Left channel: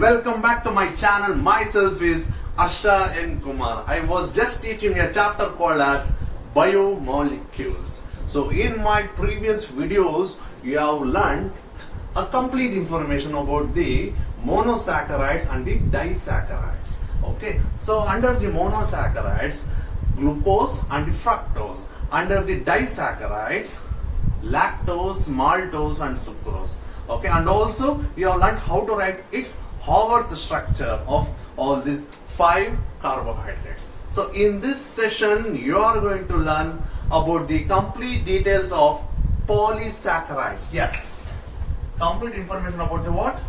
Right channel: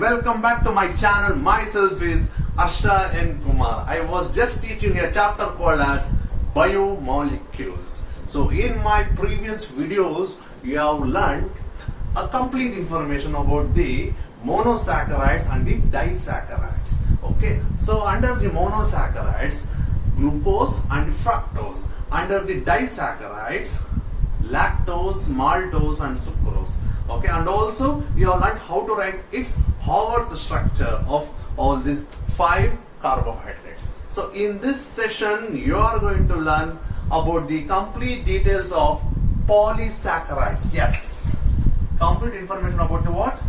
welcome back to my channel. Myself is Harsha and Kumar. I was just teaching a chapter called as Biomolecules. So in my previous videos, you have learned a complete information about the monosaccharides and the disaccharides. Okay, so under the monosaccharides, glucose and fructose. Under the disaccharides, lactose, maltose and sucrose. Okay, and also you have learned how to write its Haworth structure of all these 5 carbohydrates. So in this session you are going to learn about the complete details of polysaccharides. Yes, complete information about the what?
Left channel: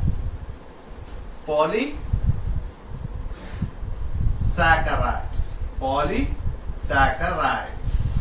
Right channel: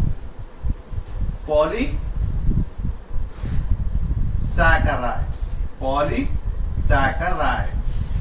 Polysaccharides. Polysaccharides.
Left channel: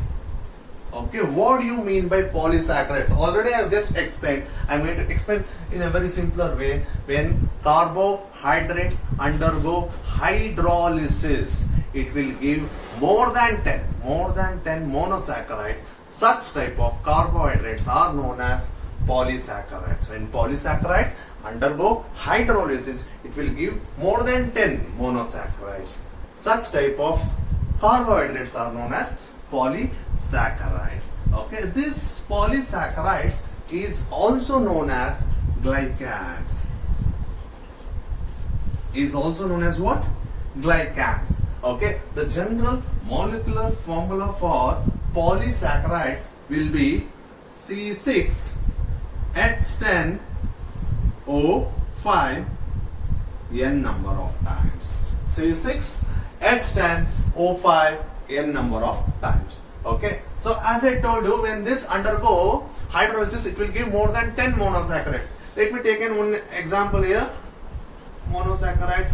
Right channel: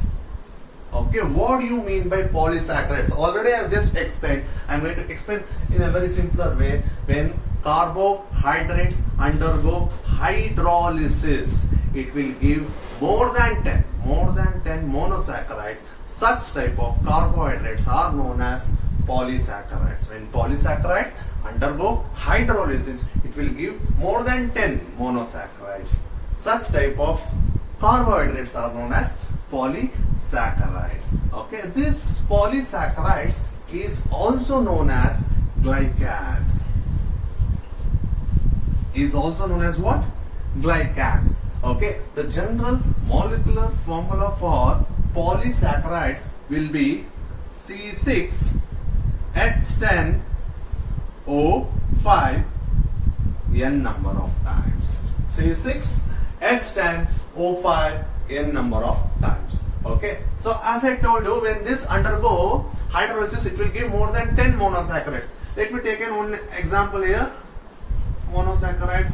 Okay, what do you mean by polysaccharides? Already I have just explained. I am going to explain in a very simpler way. When carbohydrates undergo hydrolysis, it will give more than 10 monosaccharides. Such type of carbohydrates are known as polysaccharides. When polysaccharides undergo hydrolysis, it will give more than 10 monosaccharides. Such type of carbohydrates are known as polysaccharides. Okay, this polysaccharides is also known as glycans. Is also known as what? Glycans. Okay, the general molecular formula for polysaccharides will be C6H10O5 n number of times. C6H10O5 n number of times. Okay, so as I told you, when this undergo hydrolysis, it will give more than 10 monosaccharides. Let me take one example here. Monosaccharide,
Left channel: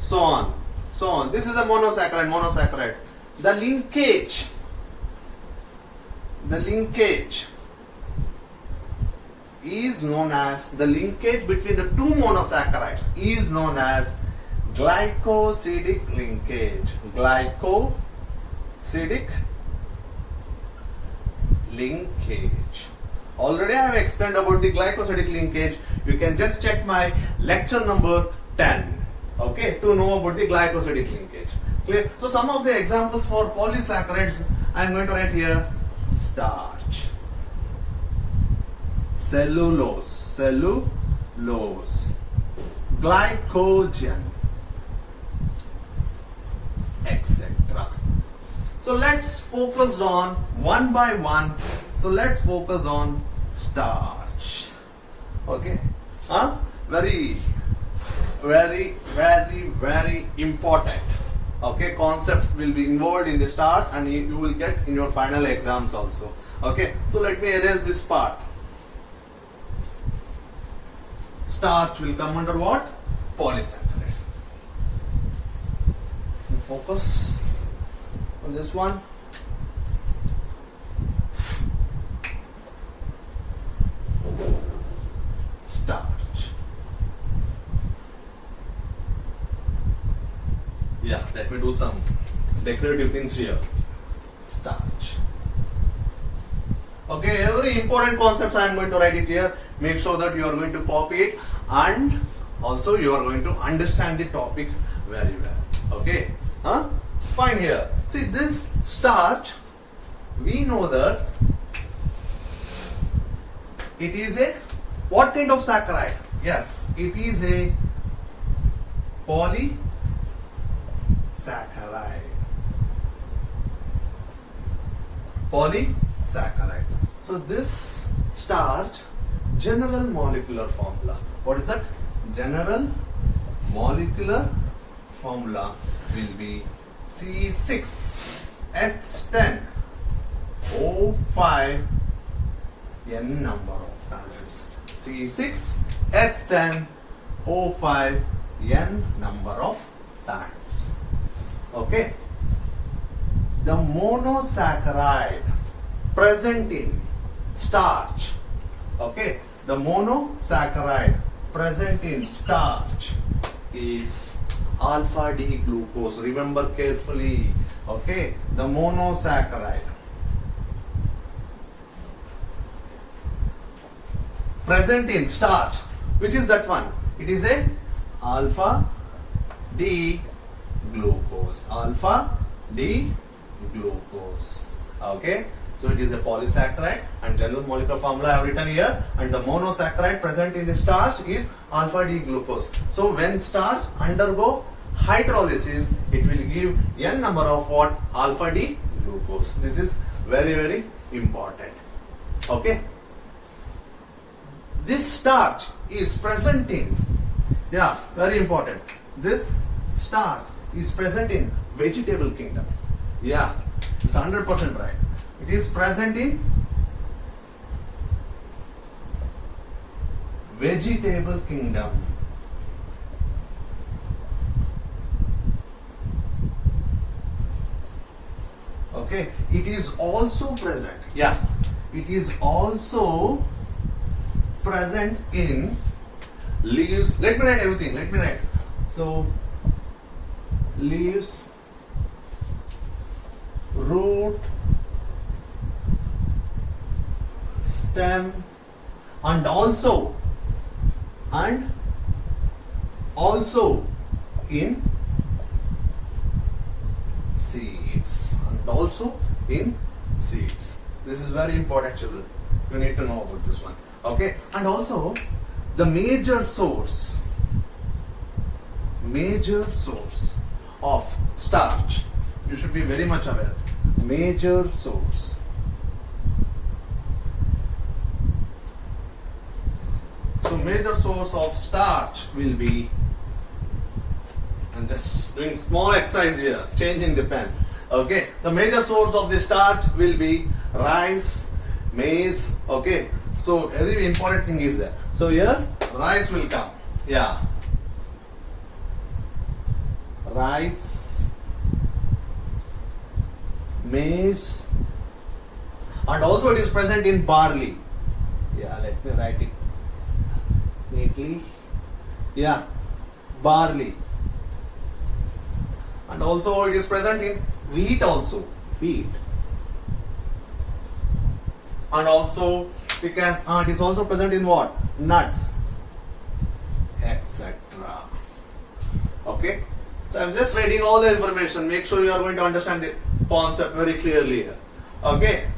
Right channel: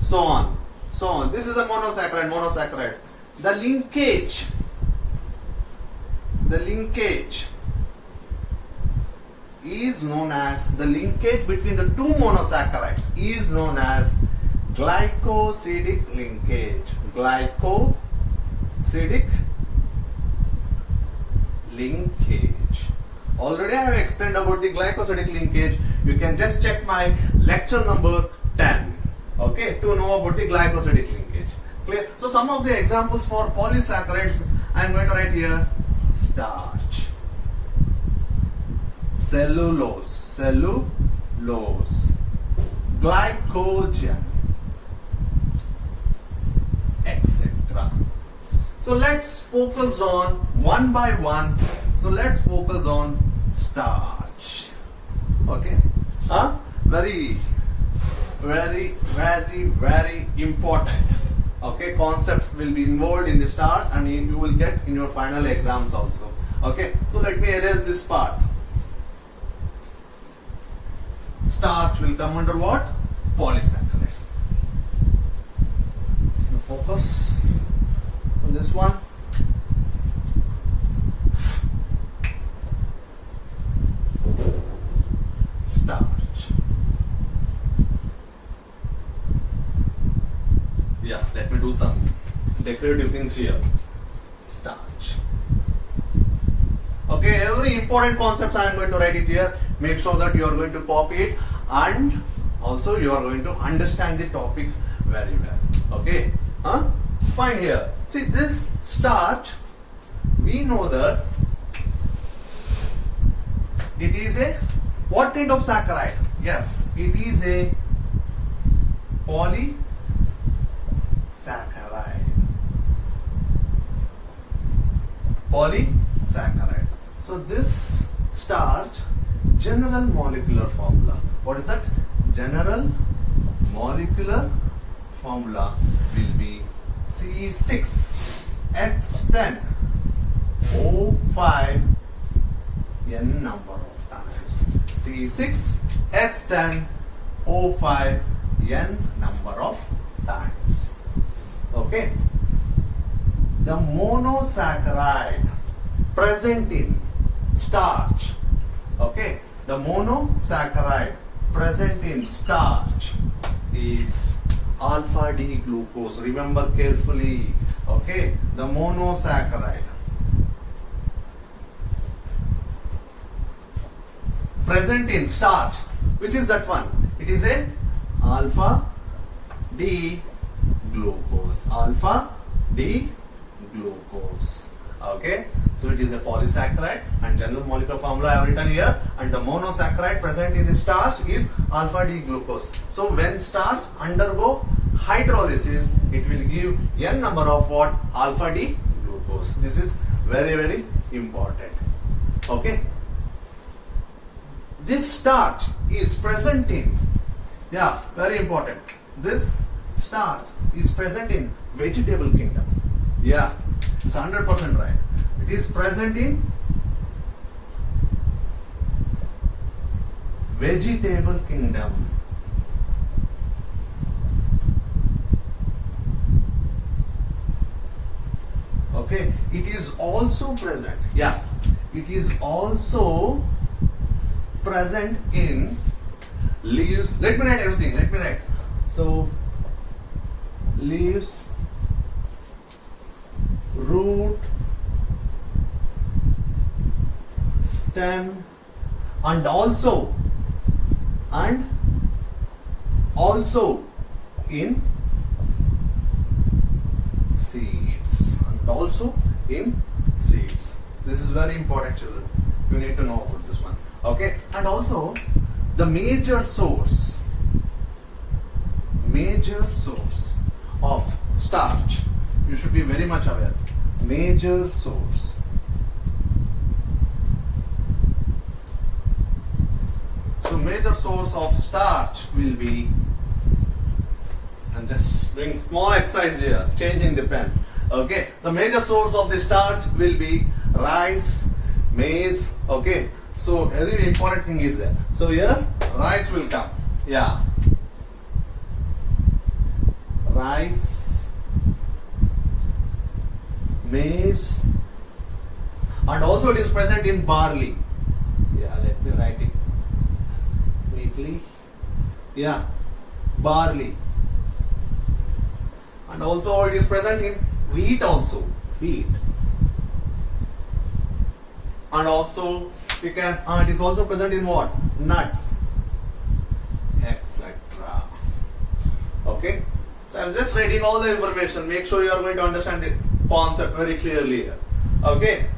so on. This is a monosaccharide. The linkage is known as, the linkage between the two monosaccharides is known as glycosidic linkage. Glycosidic linkage. Already I have explained about the glycosidic linkage. You can just check my lecture number 10. Okay, to know about the glycosidic linkage. Clear? So some of the examples for polysaccharides I am going to write here: starch, cellulose, glycogen, etc. So let's focus on one by one. So let's focus on starch. Okay, very important. Okay, concepts will be involved in the starch, and you will get in your final exams also. Okay, so let me erase this part. Starch will come under what? Polysaccharides. Focus on this one. Starch. Yeah, let me do some decorative things here. Starch. Okay, every important concepts I am going to write it here. Make sure that you are going to copy it, and also you are going to understand the topic very well. Okay, fine here. See, this starch, we know that it is a what kind of saccharide? Yes, it is a polysaccharide. Polysaccharide. So this starch, general molecular formula. What is that? General molecular formula will be C6H10O5 n number of times. C6H10O5 n number of times. Okay. The monosaccharide present in starch. Okay. The monosaccharide present in starch is alpha D glucose. Remember carefully. Okay, the monosaccharide present in starch. Which is that one? It is a alpha D glucose. Alpha D glucose. Okay. So it is a polysaccharide, and general molecular formula I have written here, and the monosaccharide present in the starch is alpha D glucose. So when starch undergo hydrolysis, it will give n number of what? Alpha D glucose. This is very, very important. Okay. This starch is present in, yeah, very important. This starch is present in vegetable kingdom. Yeah, it's 100% right. It is present in vegetable kingdom. Okay, it is also present. Yeah, it is also present in leaves. Let me write everything. Let me write. So, leaves, root, stem, and also in seeds, and also in seeds. This is very important, children. You need to know about this one. Okay, and also the major source of starch, you should be very much aware. Major source. So major source of starch will be, I'm just doing small exercise here, changing the pen. Okay, the major source of the starch will be rice, maize. Okay, so very important thing is there. So here rice will come. Yeah, rice, maize, and also it is present in barley. Yeah, let me write it neatly. Yeah, barley, and also it is present in wheat also. Wheat, and also we can. It is also present in what? Nuts, etc. Okay. So I'm just writing all the information. Make sure you are going to understand the concept very clearly here. Okay.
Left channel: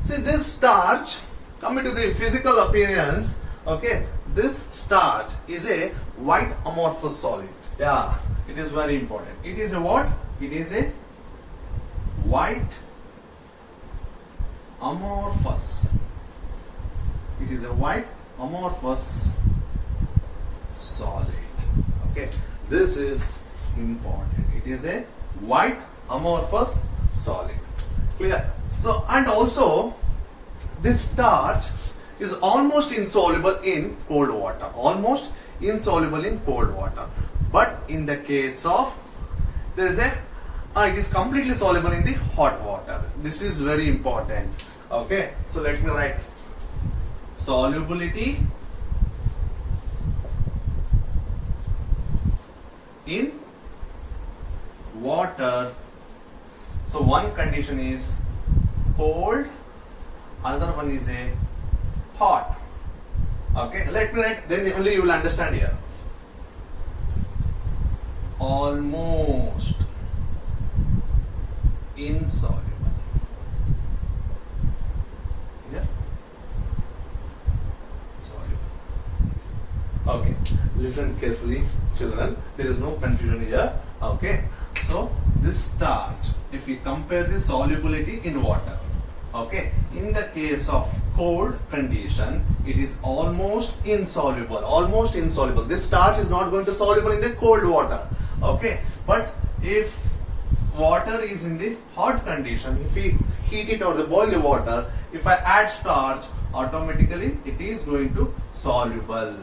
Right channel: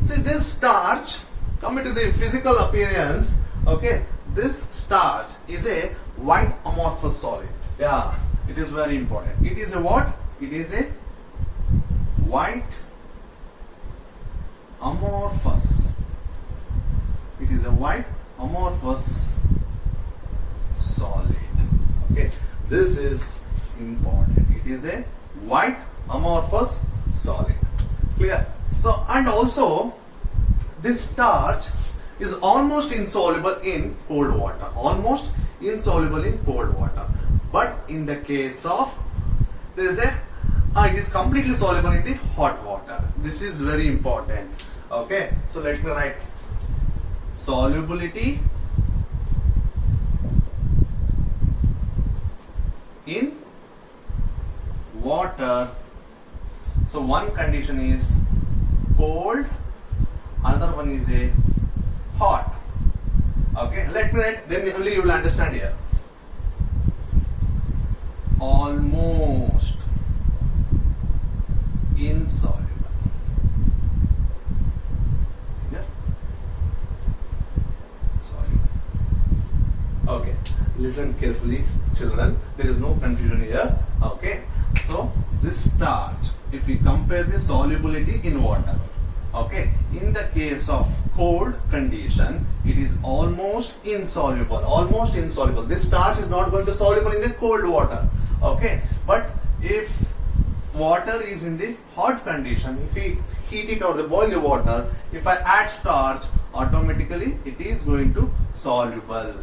See, this starch, coming to the physical appearance. Okay, this starch is a white amorphous solid. Yeah, it is very important. It is a what? It is a white amorphous. It is a white amorphous solid. Okay, this is important. It is a white amorphous solid. Clear? So, and also this starch is almost insoluble in cold water. Almost insoluble in cold water. But in the case of, there is a, it is completely soluble in the hot water. This is very important. Okay, so let me write solubility in water. So one condition is cold, another one is a hot. Okay, let me write, then only you will understand here. Almost insoluble. Yeah. Soluble. Okay, listen carefully, children. There is no confusion here. Okay, so this starch, if we compare the solubility in water, okay, in the case of cold condition, it is almost insoluble. Almost insoluble. This starch is not going to soluble in the cold water. Okay, but if water is in the hot condition, if we heat it or boil the water, if I add starch, automatically it is going to soluble.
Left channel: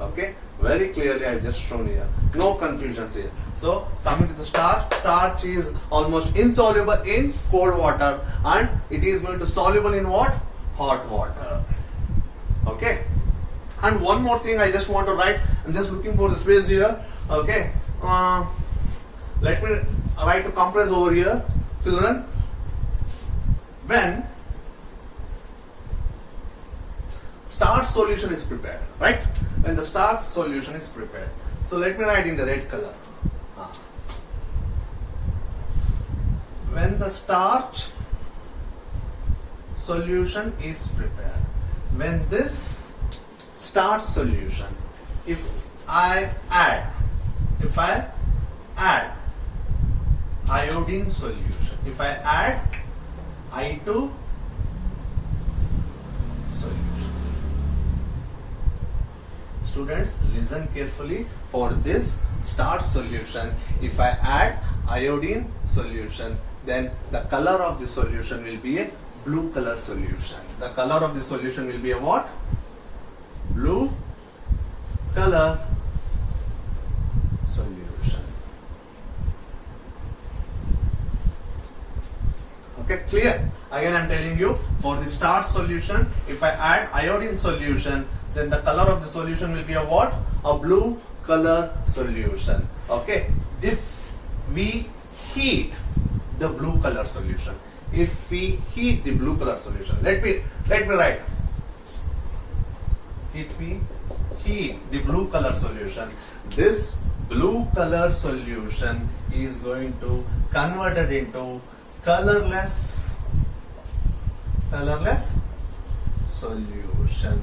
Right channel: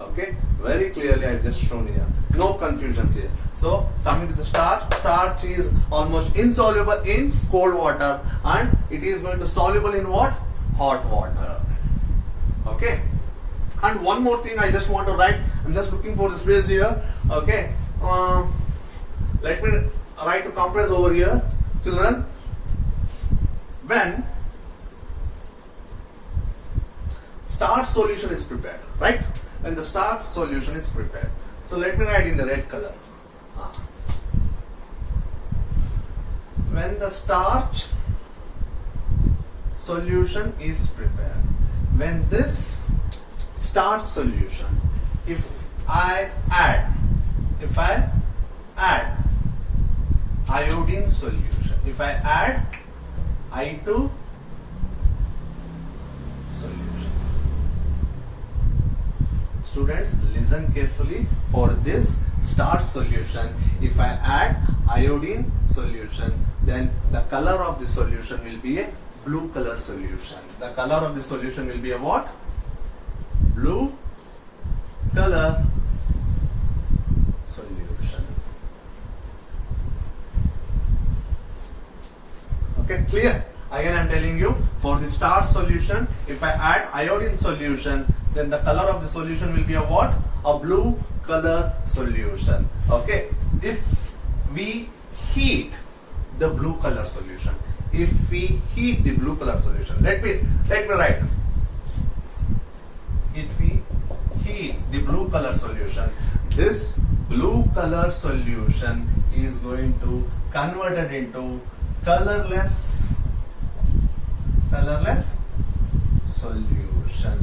Okay, very clearly I have just shown here. No confusions here. So coming to the starch, starch is almost insoluble in cold water and it is going to soluble in what? Hot water. Okay. And one more thing I just want to write. I'm just looking for the space here. Okay. Let me write to compress over here, children. When starch solution is prepared, right? when the starch solution is prepared. So let me write in the red color. When the starch solution is prepared, when this starch solution, if I add iodine solution, if I add I2 solution. Students, listen carefully. For this starch solution, if I add iodine solution, then the color of the solution will be a blue color solution. The color of the solution will be a what? Blue color solution. Okay, clear? Again I am telling you, for the starch solution, if I add iodine solution, then the color of the solution will be a what? A blue color solution. Okay, if we heat the blue color solution, if we heat the blue color solution, let me write. If we heat the blue color solution, this blue color solution is going to convert it into colorless solution.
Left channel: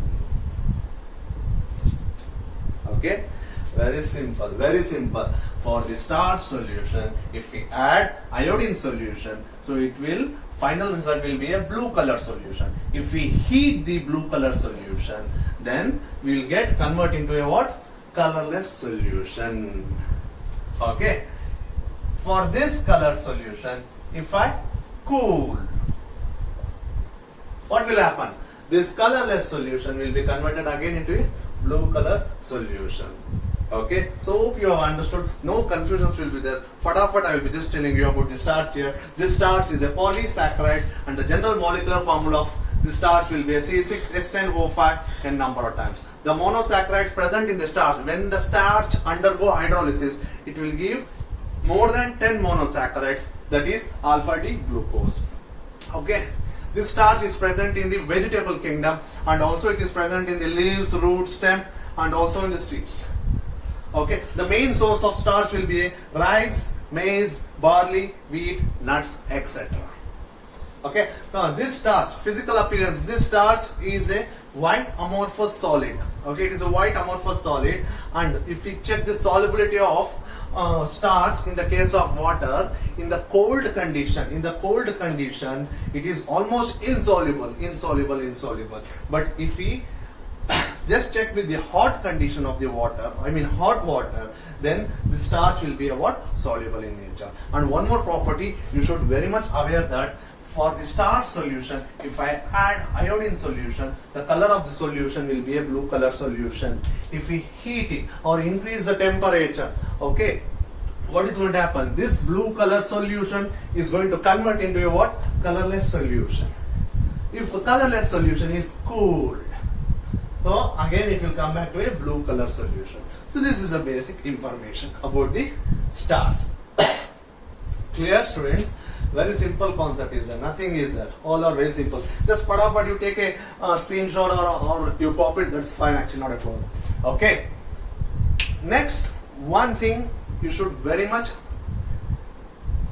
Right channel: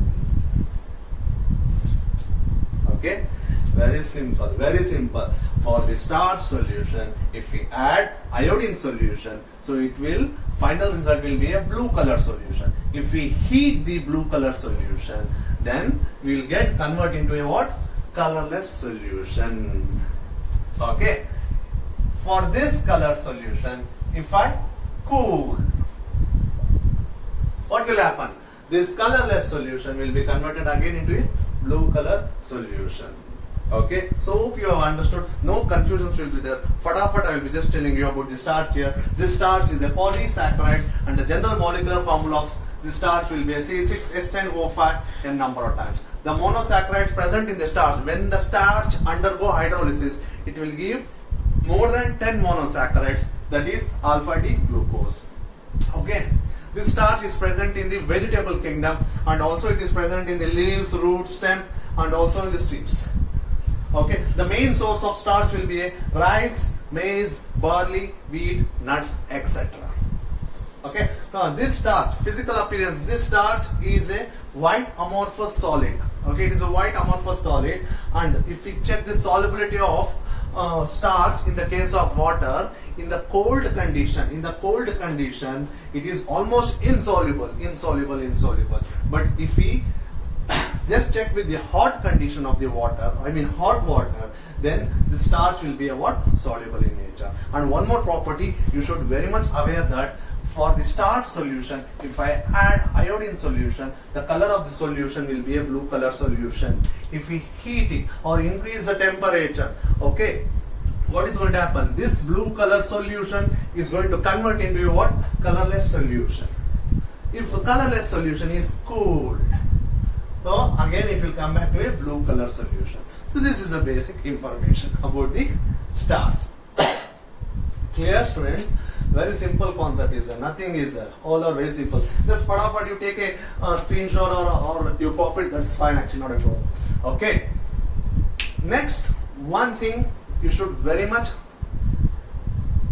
Okay, very simple, very simple. For the starch solution, if we add iodine solution, so it will, final result will be a blue color solution. If we heat the blue color solution, then we will get convert into a what? Colorless solution. Okay, for this color solution, if I cool, what will happen? This colorless solution will be converted again into a blue color solution. Okay, so hope you have understood. No confusions will be there. Fatafat, I will be just telling you about the starch here. This starch is a polysaccharides, and the general molecular formula of the starch will be a C6H10O5 n number of times. The monosaccharides present in the starch, when the starch undergo hydrolysis, it will give more than 10 monosaccharides, that is alpha D glucose. Okay, this starch is present in the vegetable kingdom, and also it is present in the leaves, roots, stem, and also in the seeds. Okay, the main source of starch will be rice, maize, barley, wheat, nuts, etc. Okay, now this starch, physical appearance, this starch is a white amorphous solid. Okay, it is a white amorphous solid, and if we check the solubility of starch in the case of water, in the cold condition, it is almost insoluble. But if we just check with the hot condition of the water, hot water, then the starch will be a what? Soluble in nature. And one more property, you should very much aware that for the starch solution, if I add iodine solution, the color of the solution will be a blue color solution. If we heat it or increase the temperature, okay, what is going to happen? This blue color solution is going to convert into a what? Colorless solution. If the colorless solution is cooled, so again it will come back to a blue color solution. So this is a basic information about the starch. Clear, students? Very simple concept is there. Nothing is there. All are very simple. Just but you take a screenshot or you pop it. That's fine. Actually, not a problem. Okay. Next, one thing you should very much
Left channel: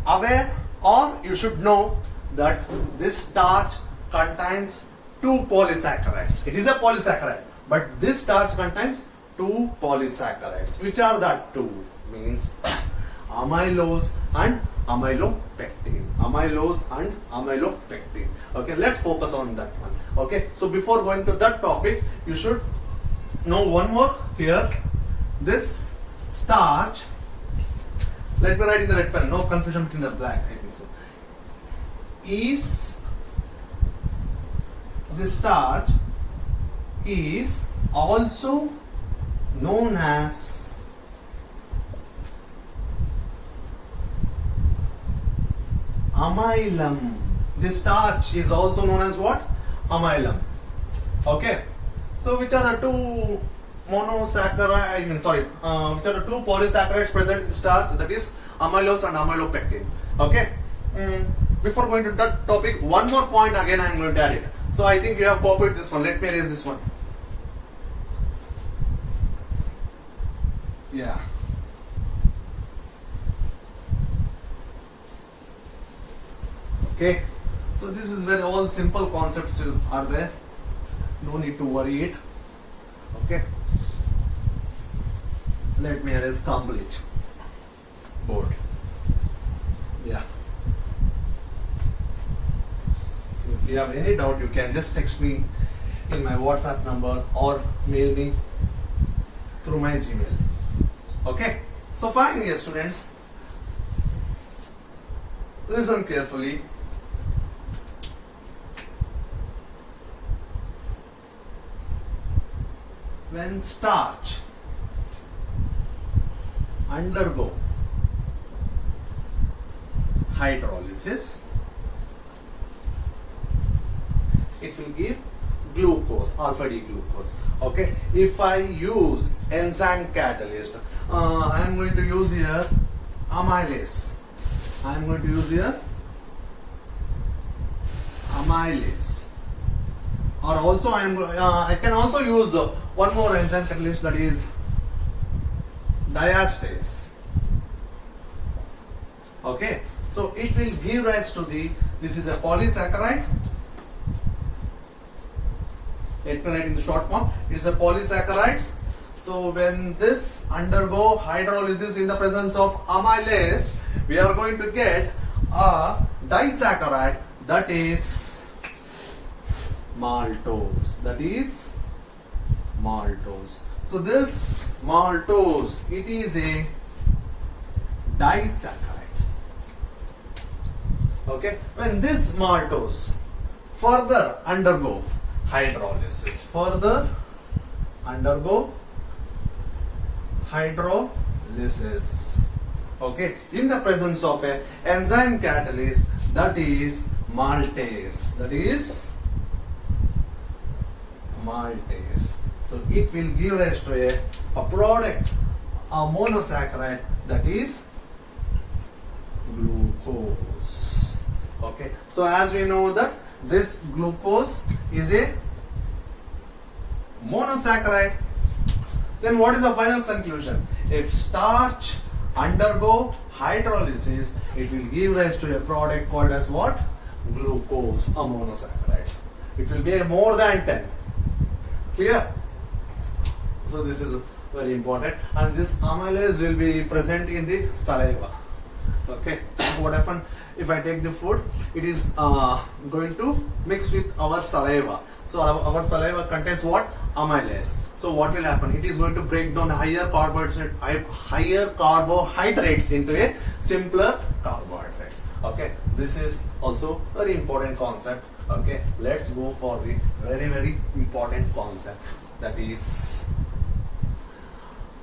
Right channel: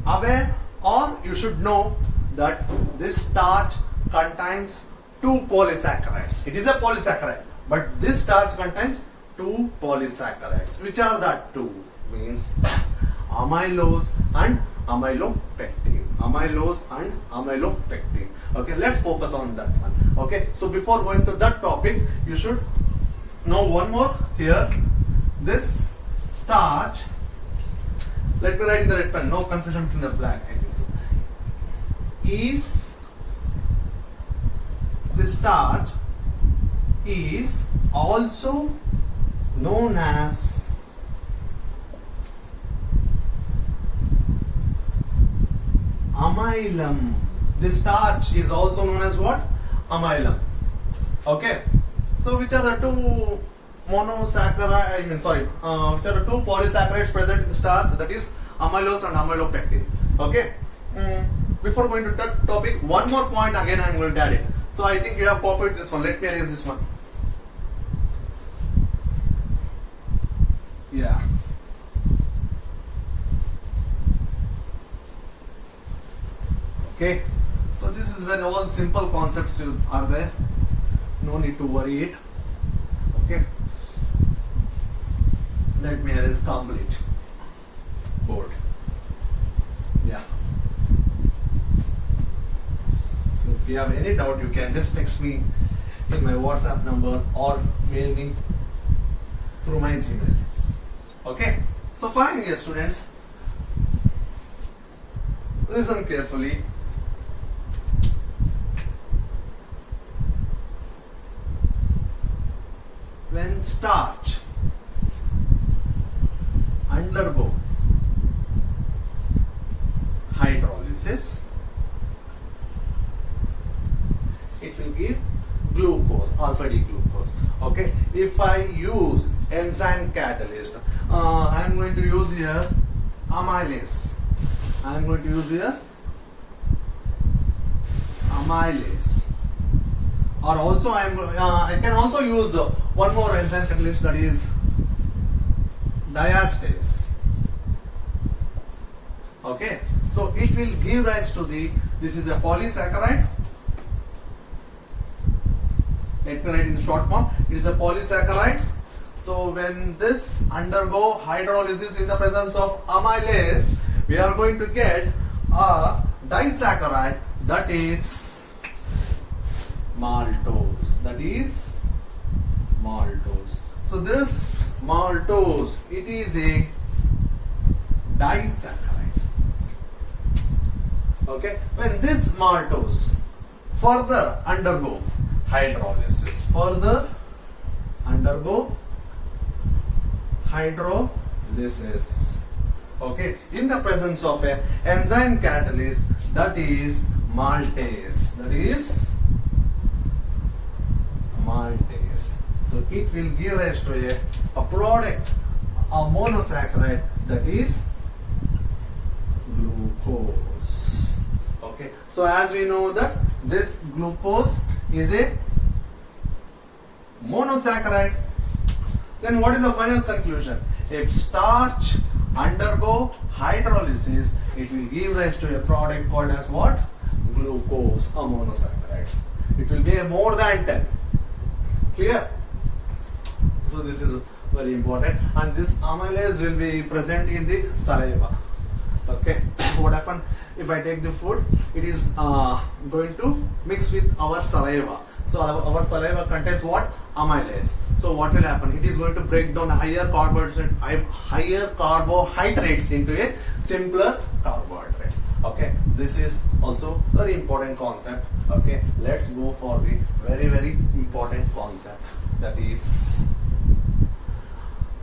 aware, or you should know, that this starch contains 2 polysaccharides. It is a polysaccharide, but this starch contains 2 polysaccharides. Which are that 2? Means amylose and amylopectin. Amylose and amylopectin. Okay, let's focus on that one. Okay, so before going to that topic, you should know one more here. This starch, let me write in the red pen, no confusion between the black, I think so. This starch is also known as amylum. This starch is also known as what? Amylum. Okay. So which are the 2 monosaccharides? Which are the 2 polysaccharides present in the starch? That is amylose and amylopectin. Okay. Before going to that topic, one more point again I am going to add it. So I think you have copied this one. Let me erase this one. Yeah. Okay. So this is very all simple concepts are there. No need to worry it. Okay. Let me erase complete board. Yeah. So if you have any doubt, you can just text me in my WhatsApp number or mail me through my Gmail. Okay. So fine, here students. Listen carefully. When starch undergo hydrolysis, it will give glucose, alpha D glucose. Okay, if I use enzyme catalyst, I am going to use here amylase. I am going to use here amylase. Or also I can also use one more enzyme catalyst, that is diastase. Okay, so it will give rise to this is a polysaccharide. Let me write in the short form. It is a polysaccharides. So when this undergo hydrolysis in the presence of amylase, we are going to get a disaccharide, that is maltose. That is maltose. So this maltose, it is a disaccharide. Okay, when this maltose further undergo hydrolysis, okay, in the presence of a enzyme catalyst, that is maltase. So it will give rise to a product, a monosaccharide, that is glucose. Okay, so as we know that this glucose is a monosaccharide, then what is the final conclusion? If starch undergo hydrolysis, it will give rise to a product called as what? Glucose, a monosaccharide. It will be more than 10. Clear? So this is very important, and this amylase will be present in the saliva. Okay, what happens if I take the food? It is going to mix with our saliva. So our saliva contains what? Amylase. So what will happen? It is going to break down higher carbohydrates into a simpler carbohydrates. Okay, this is also very important concept. Okay, let's go for the very important concept, that is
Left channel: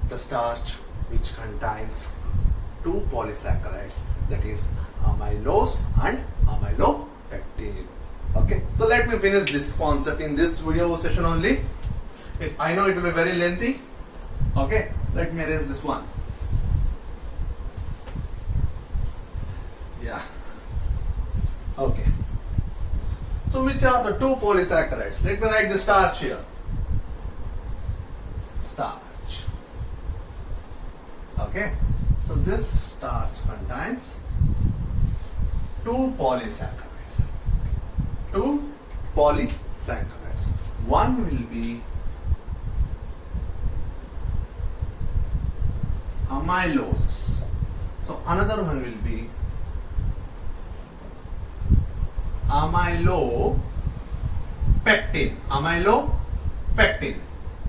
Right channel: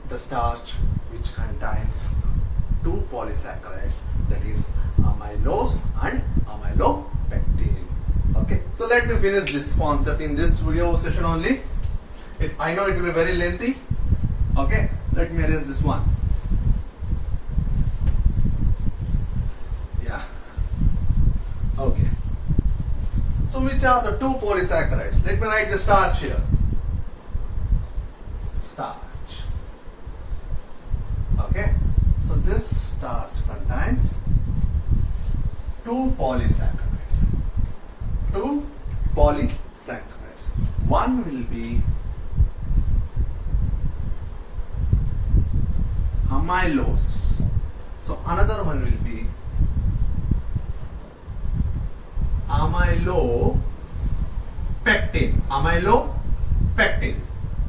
the starch which contains two polysaccharides, that is amylose and amylopectin. Okay, so let me finish this concept in this video session only. I know it will be very lengthy. Okay, let me erase this one. Yeah. Okay. So which are the two polysaccharides? Let me write the starch here. Starch. Okay. So this starch contains two polysaccharides. One will be amylose. So another one will be amylopectin.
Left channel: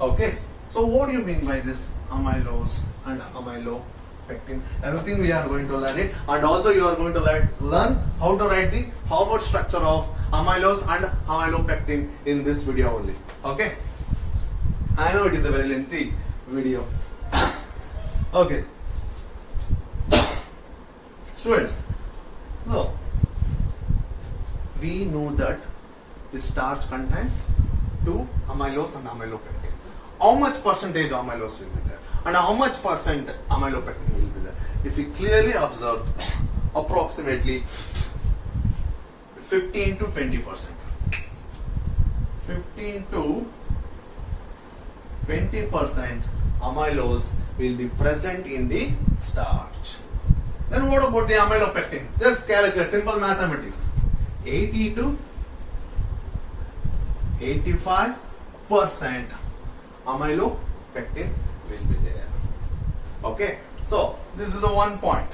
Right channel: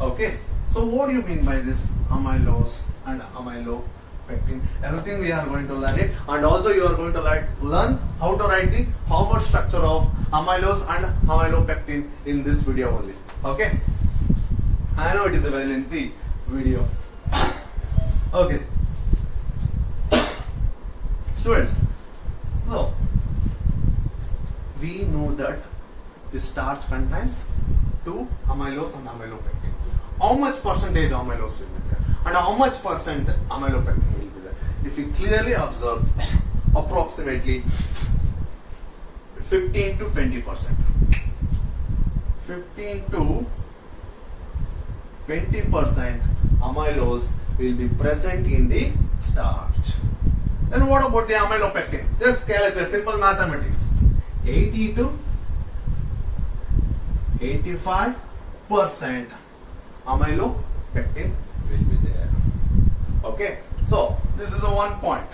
Okay. So what do you mean by this amylose and amylopectin? Everything we are going to learn it, and also you are going to learn how to write the Harvard structure of amylose and amylopectin in this video only. Okay. I know it is a very lengthy video. Okay. Students, so we know that the starch contains two amylose and amylopectin. How much percentage amylose will be there and how much percent amylopectin will be there? If you clearly observe, approximately 15 to 20%. 15 to 20% amylose will be present in the starch. Then what about the amylopectin? Just calculate, simple mathematics. 80 to 85% amylopectin will be there. Okay, so this is a one point.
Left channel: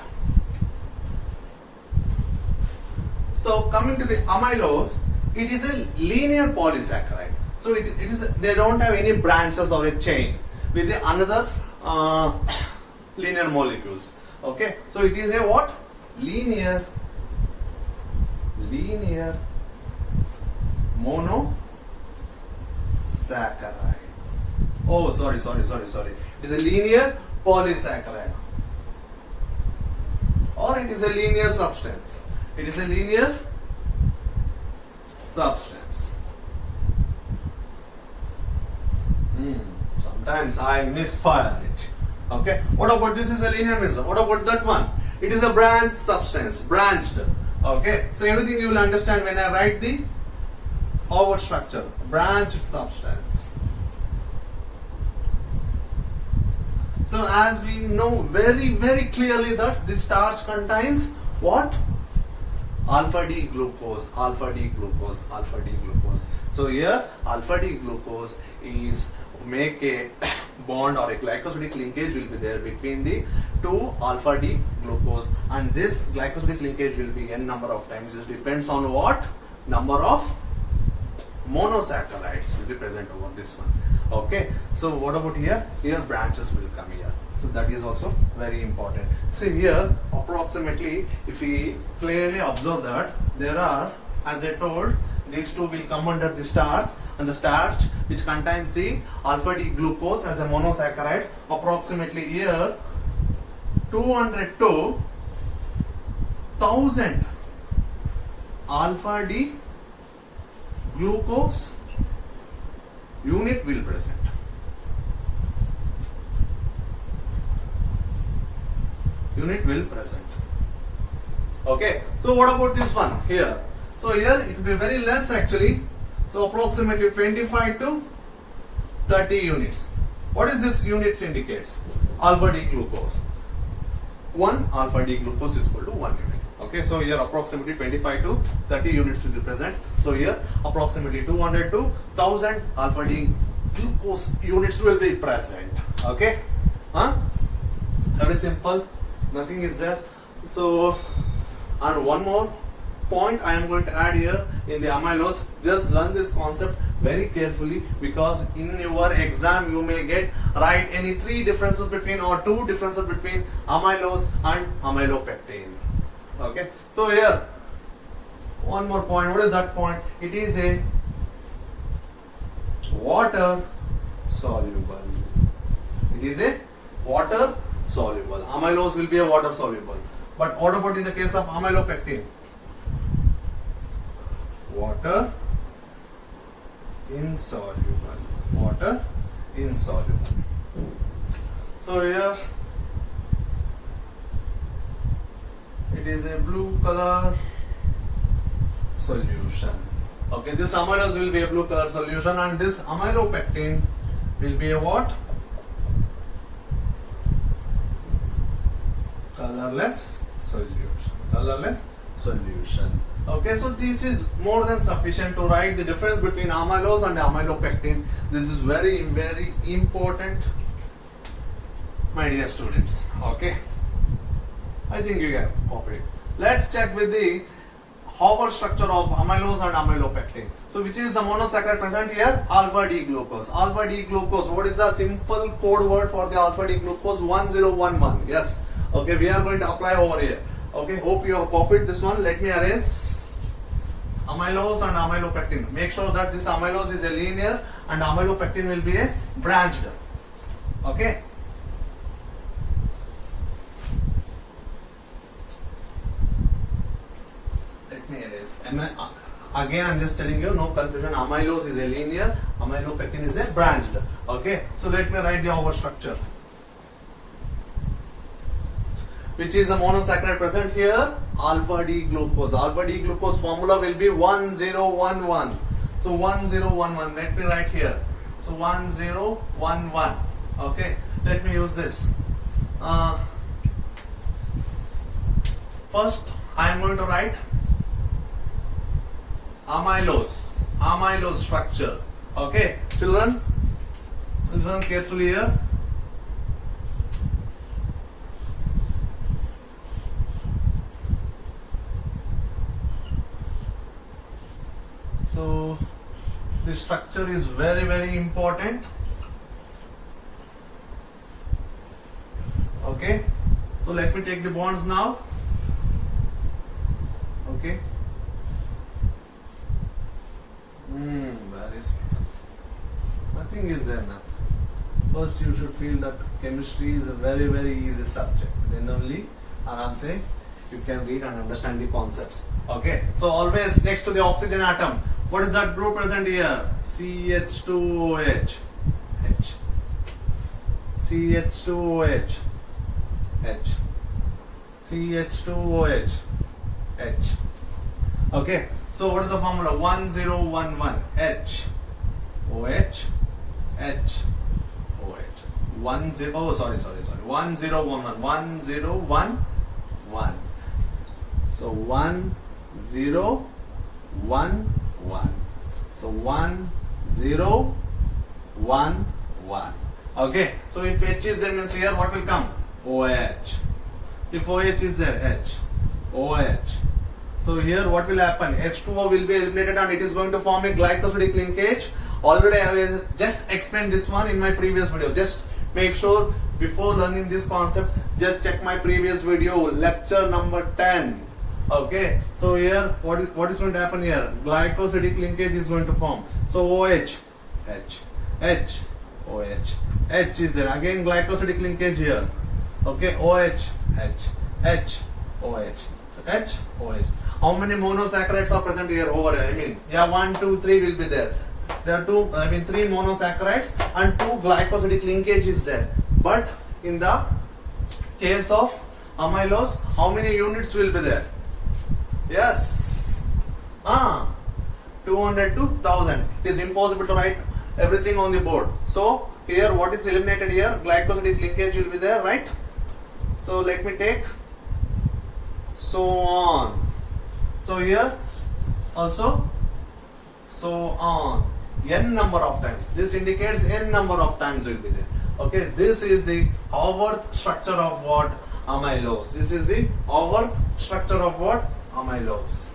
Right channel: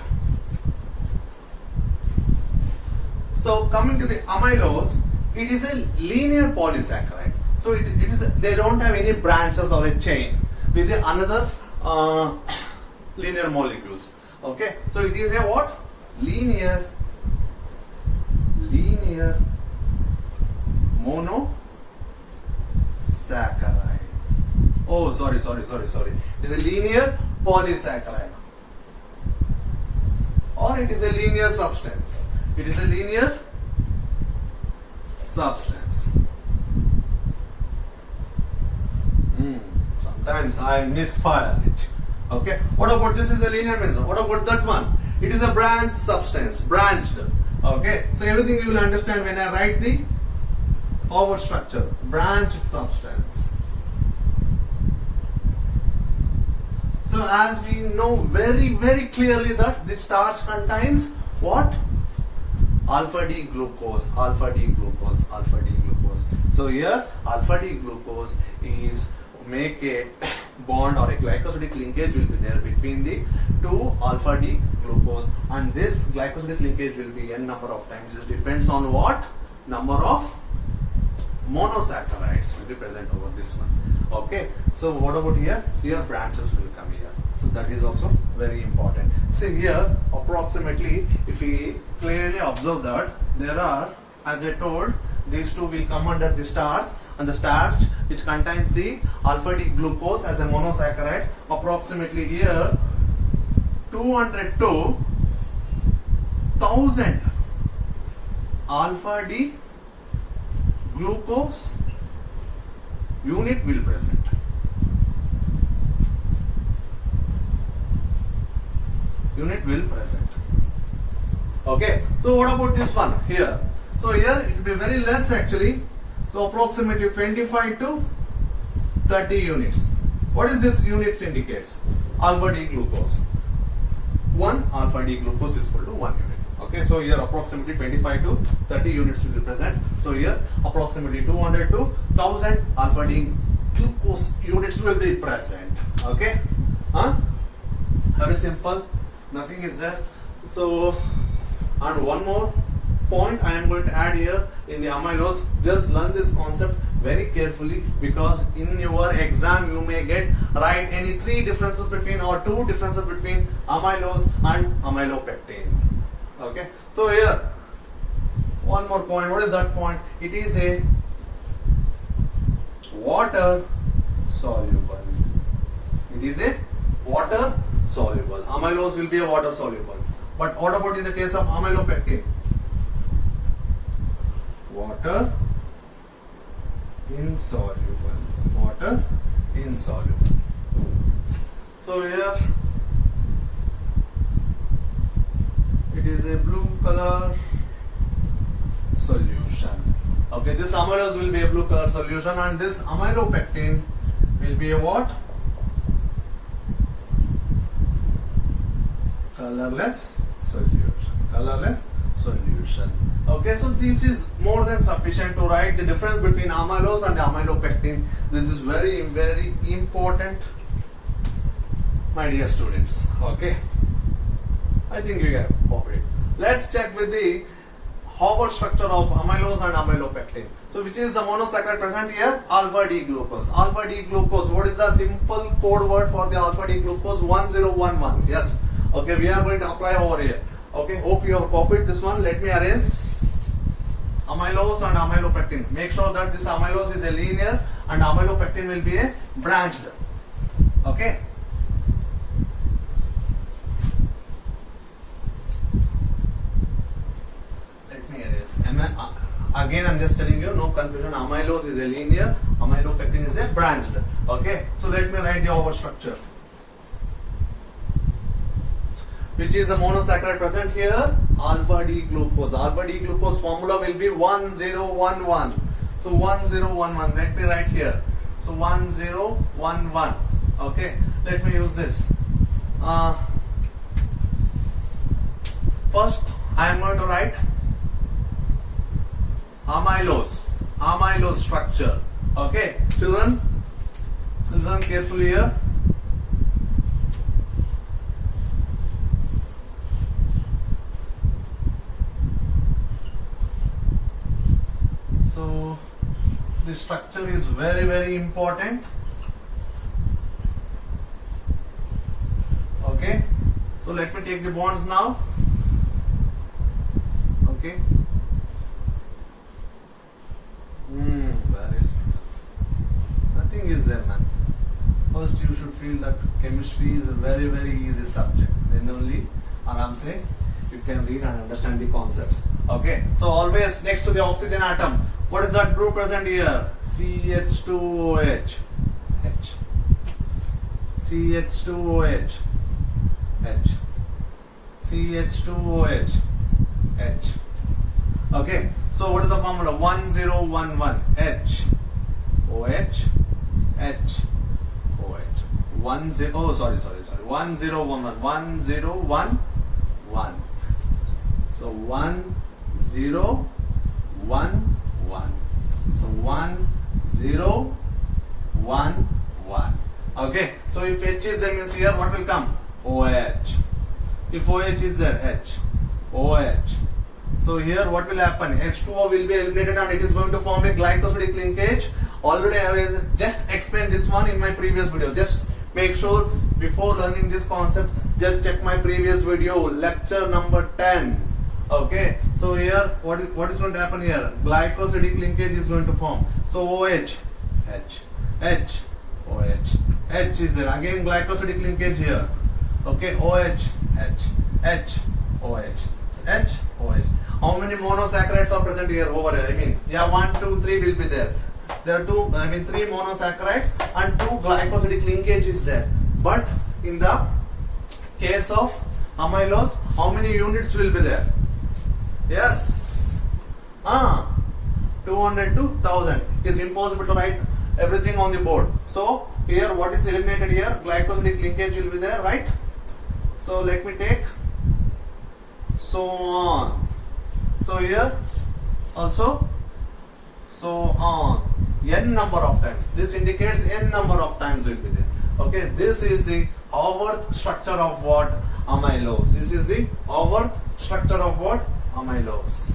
So coming to the amylose, it is a linear polysaccharide. So it is they don't have any branches or a chain with the another linear molecules. Okay, so it is a what? Linear monosaccharide. Oh, sorry. It is a linear polysaccharide, or it is a linear substance. It is a linear substance. Sometimes I misfire it. Okay. What about this is a linear mechanism? What about that one? It is a branched substance, branched. Okay. So everything you will understand when I write the over structure. Branched substance. So as we know very clearly that the starch contains what? Alpha D glucose. So here alpha D glucose is make a bond or a glycosidic linkage will be there between the two alpha D glucose, and this glycosidic linkage will be n number of times. It depends on what number of monosaccharides will be present over this one. Okay, so what about here? Here branches will come here. So that is also very important. See here, approximately, if we clearly observe that there are, as I told, these two will come under the starch, and the starch which contains the alpha D glucose as a monosaccharide, approximately here 200 to 1000 alpha D glucose unit will present. Okay, so what about this one here? So here it will be very less actually. So approximately 25 to 30 units. What is this unit indicates? Alpha D glucose. 1 alpha D glucose is equal to 1 unit. Okay, so here approximately 25 to 30 units will be present. So here approximately 200 to 1000 alpha D glucose units will be present. Okay, very simple, nothing is there. So, and one more point I am going to add here in the amylose. Just learn this concept very carefully, because in your exam you may get write any 3 differences between or 2 differences between amylose and amylopectin. Okay, so here one more point. What is that point? It is a water soluble. It is a water soluble. Amylose will be a water soluble. But what about in the case of amylopectin? Water insoluble. Water insoluble. So here it is a blue color solution. Okay, this amylose will be a blue color solution, and this amylopectin will be a what? Colorless solution. Okay, so this is more than sufficient to write the difference between amylose and amylopectin. This is very important, my dear students. Okay, I think you can copy it. Let's check with the Haber structure of amylose and amylopectin. So which is the monosaccharide present here? Alpha D glucose. Alpha D glucose. What is the simple code word for the alpha D glucose? 1011. Yes. Okay, we are going to apply over here. Okay, hope you have copied this one. Let me arrange amylose and amylopectin. Make sure that this amylose is a linear and amylopectin will be a branched. Okay. Let me erase. Again, I am just telling you, no confusion. Amylose is a linear, amylopectin is a branched. Okay. So let me write the overstructure. Which is a monosaccharide present here? Alpha D glucose. Alpha D glucose formula will be 1011. So 1011. Let me write here. So 1011. Okay. let me use this. First I am going to write amylose structure. Okay, children, listen carefully here. So the structure is very important. Okay, so let me take the bonds now. Okay. Where is it? Nothing is there, man. First you should feel that chemistry is a very easy subject. Then only Aram say you can read and understand the concepts. Okay. So always next to the oxygen atom, what is that group present here? CH2OH. H. CH2OH. H. CH2OH. H. Okay. So what is the formula? 1011 H OH H OH 1011 1011. So 1011. So 1011. Okay. So if H is there means here what will come? OH. If OH is there, H OH. So here what will happen? H2O will be eliminated and it is going to form a glycosidic linkage. Already I have just explained this one in my previous video. Just make sure before learning this concept, just check my previous video, lecture number 10. Okay. So here what is going to happen here? Glycosidic linkage is going to form. So OH, H, H, OH, H is there. Again glycosidic linkage here. Okay. OH, H, H, OH. So H, OH. How many monosaccharides are present here over here? I mean, yeah, 1, 2, 3 will be there. There are 3 monosaccharides and 2 glycosidic linkage is there. But in the case of amylose, how many units will be there? Yes. 200 to 1000. It is impossible to write everything on the board. So here what is eliminated here? Glycosidic linkage will be there, right? So let me take so on. So here also so on. N number of times. This indicates n number of times will be there. Okay, this is the Haworth structure of what? Amylose. This is the Haworth structure of what? Amylose.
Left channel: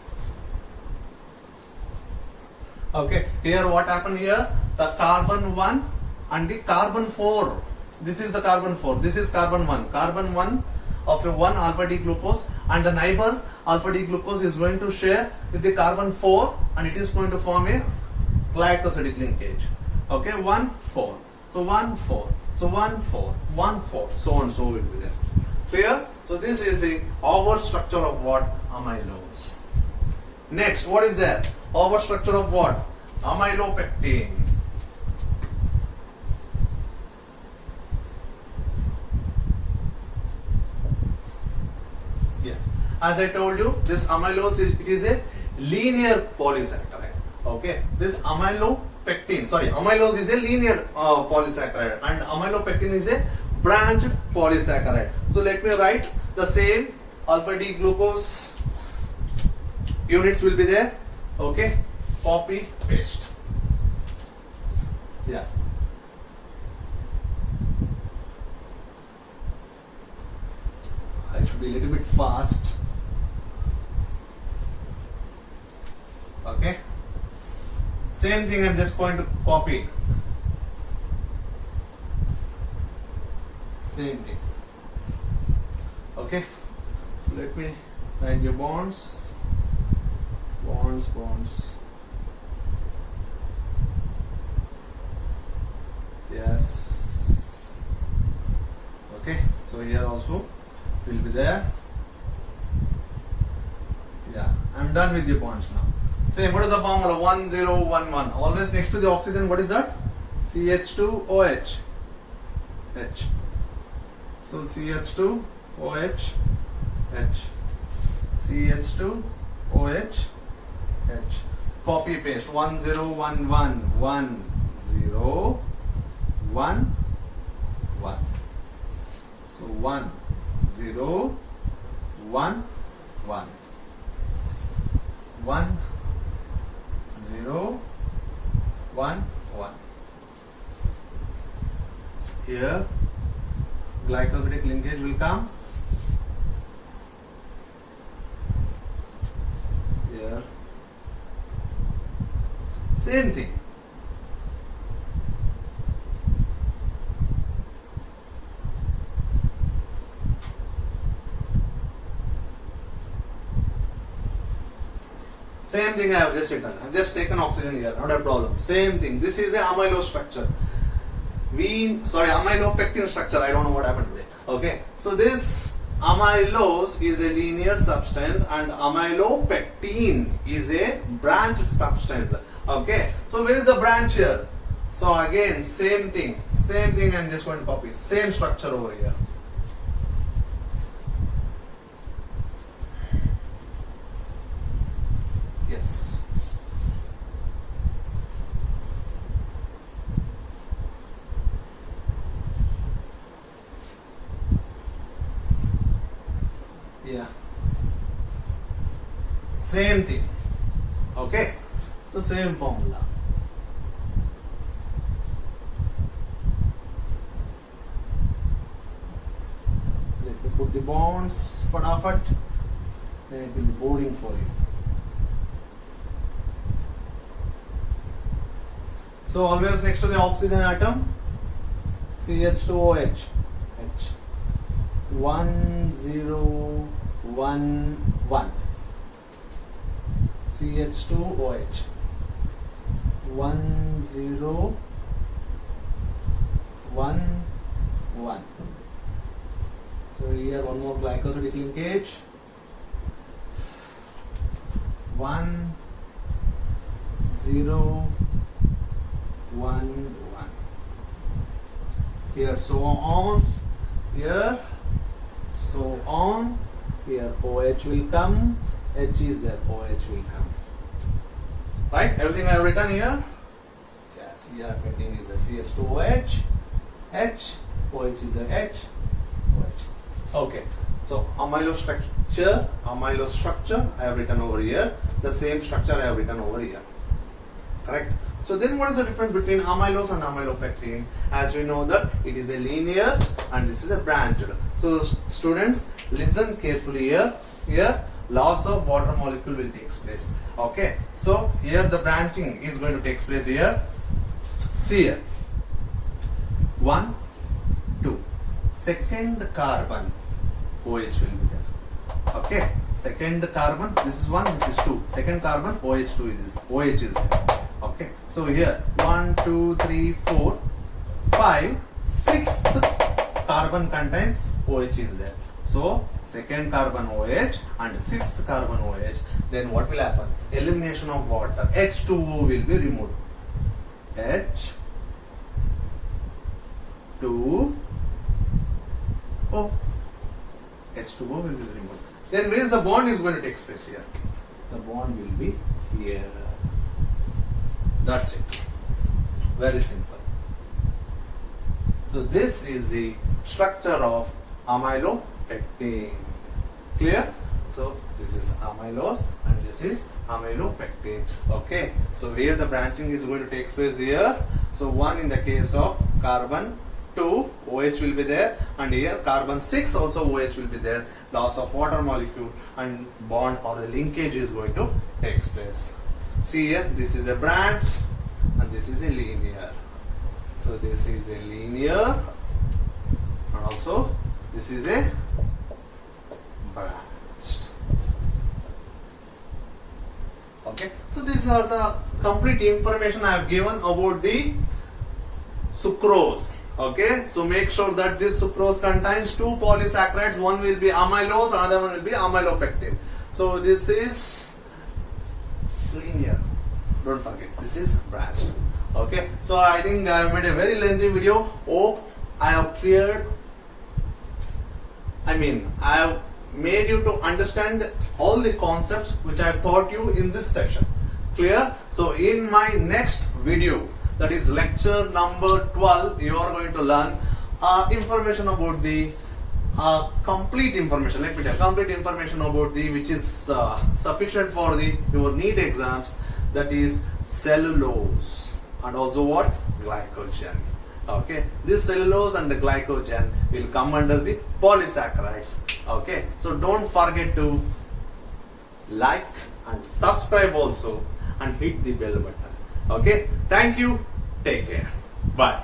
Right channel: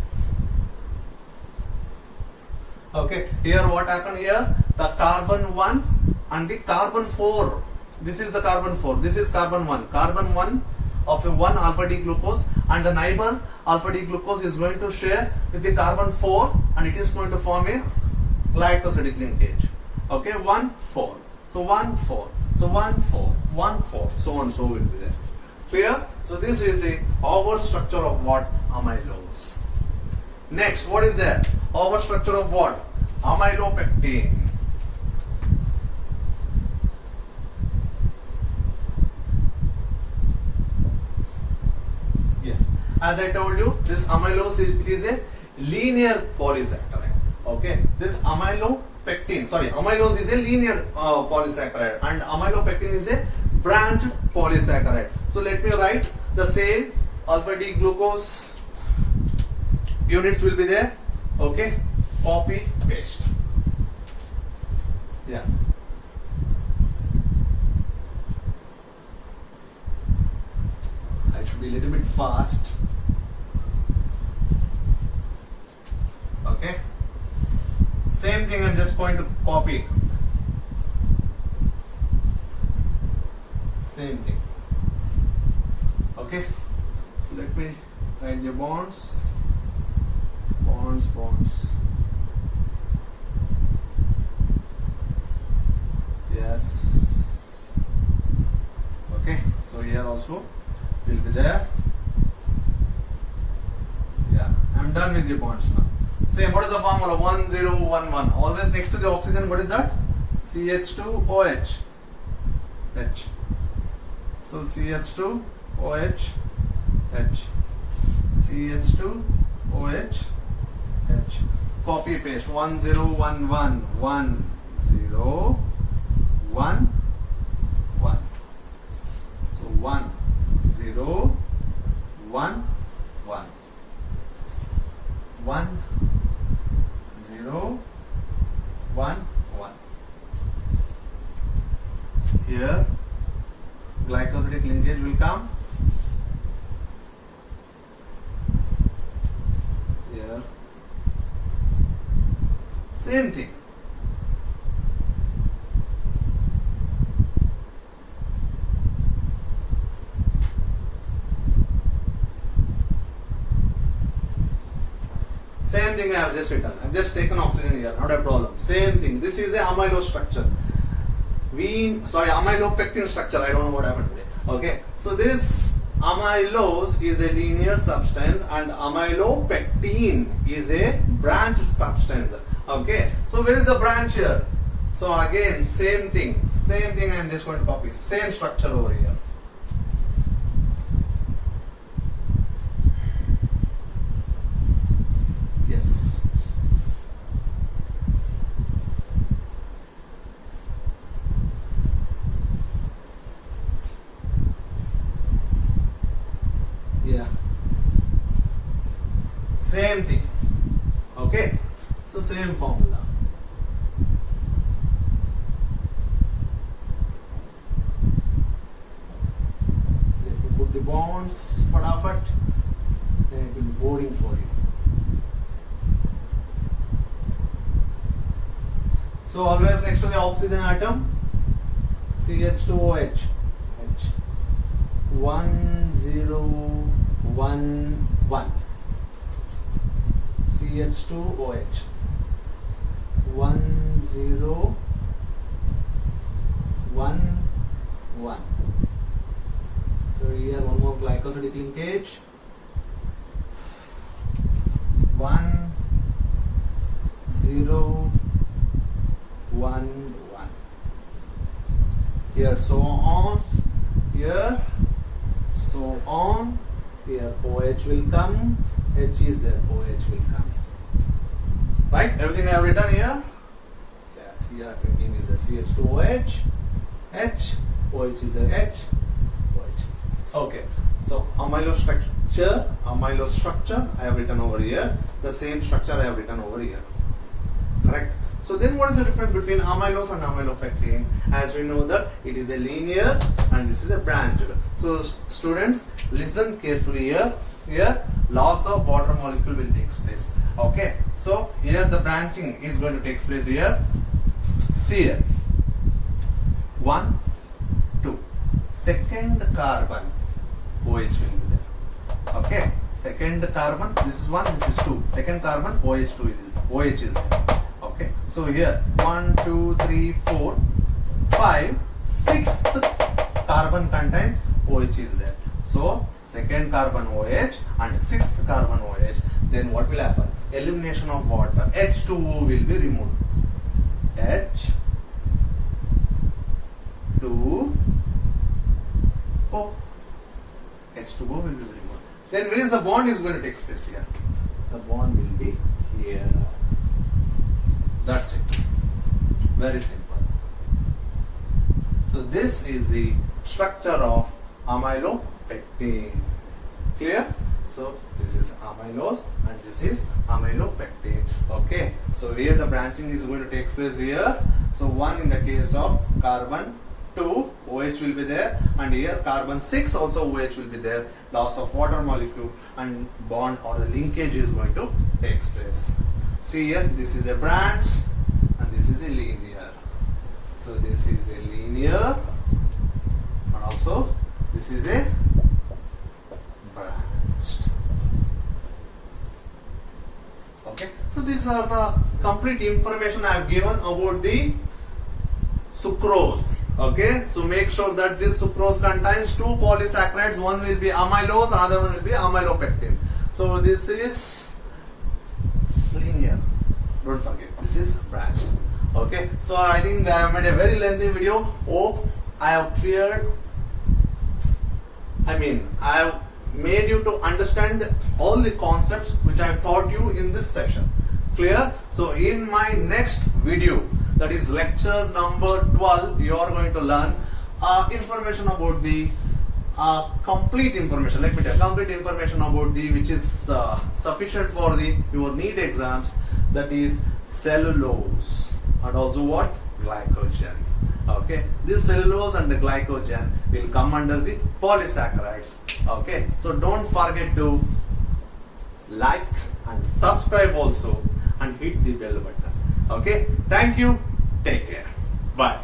Okay, here what happened here? The carbon 1 and the carbon 4. This is the carbon 4. This is carbon 1. Carbon 1 of a 1 alpha D glucose and the neighbor alpha D glucose is going to share with the carbon 4 and it is going to form a glycosidic linkage. Okay, 1 4. So 1 4. So 1 4. 1 4. So on so will be there. Clear? So this is the Haworth structure of what? Amylose. Next, what is there? Haworth structure of what? Amylopectin. Yes, as I told you, this amylose is a linear polysaccharide. Okay, this amylose is a linear polysaccharide and amylopectin is a branched polysaccharide. So let me write the same alpha D glucose units will be there. Okay, copy paste. Yeah. I should be a little bit fast. Okay. Same thing I'm just going to copy. Same thing. Okay. So let me write the bonds. Bonds. Yes. Okay. So here also will be there. Yeah, I'm done with the bonds now. Same, what is the formula? 1011. Always next to the oxygen, what is that? CH2OH. H. So CH2OH. H. CH2OH. H. Copy paste. 1011. 1011. 1 0 1 1 1 0 1 1. Here glycosidic linkage will come. Here same thing. Same thing I have just written. I have just taken oxygen here, not a problem. Same thing. This is a amylose structure. Amylopectin structure. I don't know what happened with it. Okay. So this amylose is a linear substance and amylopectin is a branched substance. Okay. So where is the branch here? So again, same thing. I'm just going to copy. Same structure over here. Yes. Yeah. Same thing. Okay. So same formula. Let me put the bonds fatafat. Then it will be boring for you. So always next to the oxygen atom, CH2OH, H, 1 0 1 1, CH2OH, 1 0 1 1. So here one more glycosidic linkage, 1 0 1 1. Here so on, here so on. Here OH will come, H is there, OH will come. Right? Everything I have written here? Yes, here pending is a CH2OH, H, OH is a H, OH. Okay, so amylose structure I have written over here. The same structure I have written over here. Correct? So then what is the difference between amylose and amylopectin? As we know that it is a linear and this is a branched. So students, listen carefully here. Here loss of water molecule will take place. Okay. So here the branching is going to take place here. See here. 1, 2. Second carbon OH will be there. Okay. Second carbon, this is 1, this is 2. Second carbon OH2 is there. Okay, so here 1, 2, 3, 4, 5, 6th carbon contains OH is there. So second carbon OH and 6th carbon OH. Then what will happen? Elimination of water. H2O will be removed. H2O. H2O will be removed. Then where is the bond is going to take place here? The bond will be here. That's it. Very simple. So this is the structure of amylopectin. Clear? So this is amylose and this is amylopectin. Okay. So where the branching is going to take place here. So 1 in the case of carbon 2 OH will be there, and here carbon 6 also OH will be there. Loss of water molecule and bond or the linkage is going to take place. See here, this is a branch and this is a linear. So this is a linear and also this is a branched. Okay, so these are the complete information I have given about the sucrose. Okay, so make sure that this sucrose contains 2 polysaccharides. One will be amylose, other one will be amylopectin. So this is linear. Don't forget, this is branched. Okay, so I think I have made a very lengthy video. Hope I have cleared. I have made you to understand all the concepts which I have taught you in this session. Clear? So in my next video, that is lecture number 12, you are going to learn information about the complete information. Let me tell complete information about the which is sufficient for the your NEET exams. That is cellulose and also what glycogen. Okay, this cellulose and the glycogen will come under the polysaccharides. Okay, so don't forget to like and subscribe also and hit the bell button. Okay, thank you. Take care. Bye.